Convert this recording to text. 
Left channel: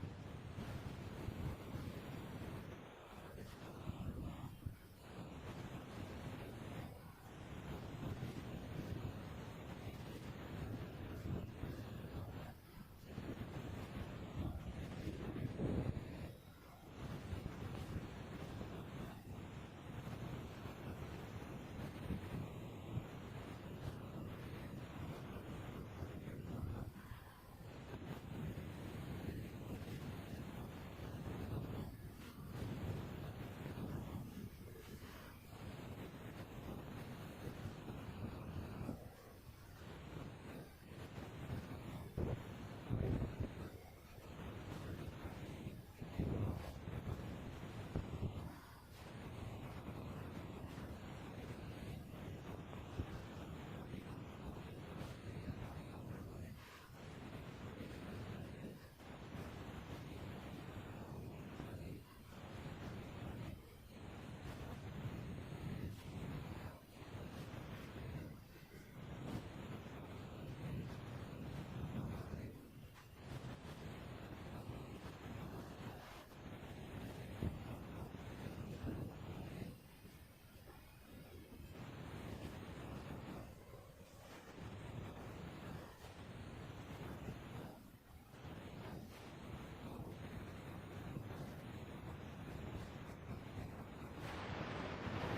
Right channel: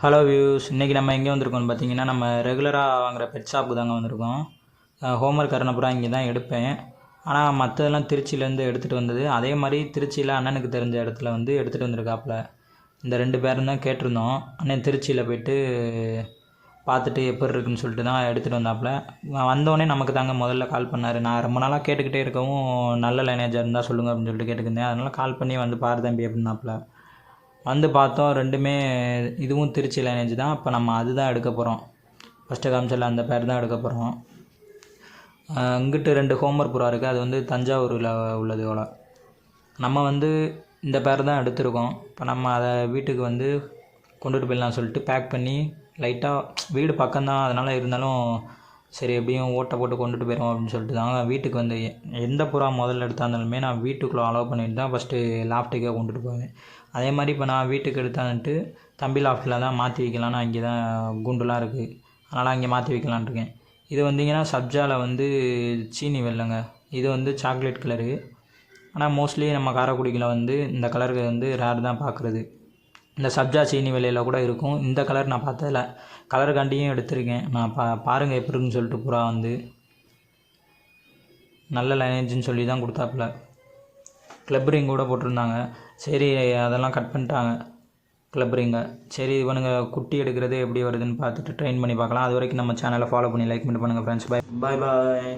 Hello views, இன்றைக்கி நம்ம எங்கே வந்திருக்கோம்னு பார்த்தீங்கன்னா, நம்ம ரெகுலராக வாங்குகிற பெட் ஷாப்புக்கு தாங்க வந்திருக்கோம். ஹோம்ஒர்க் கரணப்புறா இங்கே தான் எடுப்பேன். ஆனால் மற்றதெல்லாம் திருச்சியிலேருந்து எடுத்துகிட்டு வந்தது. அதே மாதிரி திருச்சியில் அண்ணனுக்கு தெரிஞ்ச இடத்துல வந்து எடுத்துகிட்டு வந்திருக்காப்புல. இந்த 2 பேரும் தான் கேட்டிருந்தோம். அண்ணன் திருச்சியில் போய்ட்டு பார்த்துட்டு எப்படி இருக்குன்னு சொல்லிட்டு தான் எடுத்துகிட்டு வந்தாப்புல. வந்தோடனே நமக்கு தாங்க முதல்ல கால் பண்ணார். நான் ரொம்ப நாளாக கேட்டுக்கிட்டே இருக்கவும், நல்ல லைனேஜாக இருந்தால் சொல்லுங்கள் அப்படின்னு சொல்லிட்டு கேட்டுக்கிட்டேன். அதனால் கால் பண்ணி வந்து பாரு தம்பி அப்படின்னாப்புல. வந்து பார்த்தோம், 2மே இதுவும் திருச்சி லைனேஜ் தான். அப்போ நம்ம அதுதான் எடுக்க போகிறோம். ஃபஸ்ட்டு காமிச்சல அந்த பேர் தான் எடுக்க போகிறோம். இங்கிட்டு 2 ஹோம்ஒர்க் புறா இருக்குது. அது வந்து தஞ்சாவூரில் உள்ளது போல். நம்ம வந்து இந்த பேர் தான் எடுத்திருக்கோம். இப்போ நம்ம அதை வீட்டுக்கு வந்து கொண்டுட்டு போயிடலாம் சொல்லிட்டு பேக் பண்ணி லைட்டாக வீடு பக்கம்தான், அதனால் இருந்தாலும் சரி எப்படியும் ஓட்டை போட்டு கொண்டுட்டு போயிடுவோம் அப்படின்னு சொல்லிட்டு தாங்க வீட்டுக்கு வந்து எந்த புறா முதல்ல எடுத்தாந்தாலுமே நான் வீட்டுக்குள்ளே அலோவ் பண்ணிட்டு தான் ஃபஸ்ட்டு லாஃப்ட்டுக்கே கொண்டுட்டு போவேன். அதே மாதிரி இப்போ நான் வீட்டுக்கு எடுத்தாந்துட்டு தம்பி லாஃப்ட்டில் தான் மாற்றி வைக்கலான்னு, அங்கே தான் குண்டுலாம் இருக்குது, அதனால் அங்கே மாற்றி வைக்கலான்னு இருக்கேன். இது வந்திங்கன்னா சப்ஜாவில் வந்து சீனி வெள்ளைங்க. இது வந்து சாக்லேட் கலரு. ஆனால் மோஸ்ட்லி நம்ம காரைக்குடியில் வந்து இந்த கலருக்கு வந்து ரேர் தான் பார்க்குறது. இந்த சப்ஜா சீனி வெள்ளையில் கூட இருக்கும். இந்த கலர் நான் பார்த்ததில்ல. கலருக்காண்டியும் எடுத்திருக்கேன். நான் பாருங்கள் எப்படி இருக்குன்னு சொல்லிட்டு புறா வந்து நல்ல லைனேஜ்னு சொல்லி தான் கொடுத்தாப்புல. கிளப் ரிங் கூட போட்டிருந்தாங்க. சரி அதெல்லாம் கட் பண்ணிட்டாங்க கிளப் ரிங்கை. சரி இவனுங்க குட்டி எடுக்கிறது எப்படி வருதுன்னு பார்த்துட்டு ட்ரெயின் பண்ணி பார்க்கலாம். அது வரைக்கும் நம்ம சேனலை ஃபாலோ பண்ணி லைக் பண்ணி பண்ணுங்கள் ஃப்ரெண்ட்ஸ். பாய் பாய்.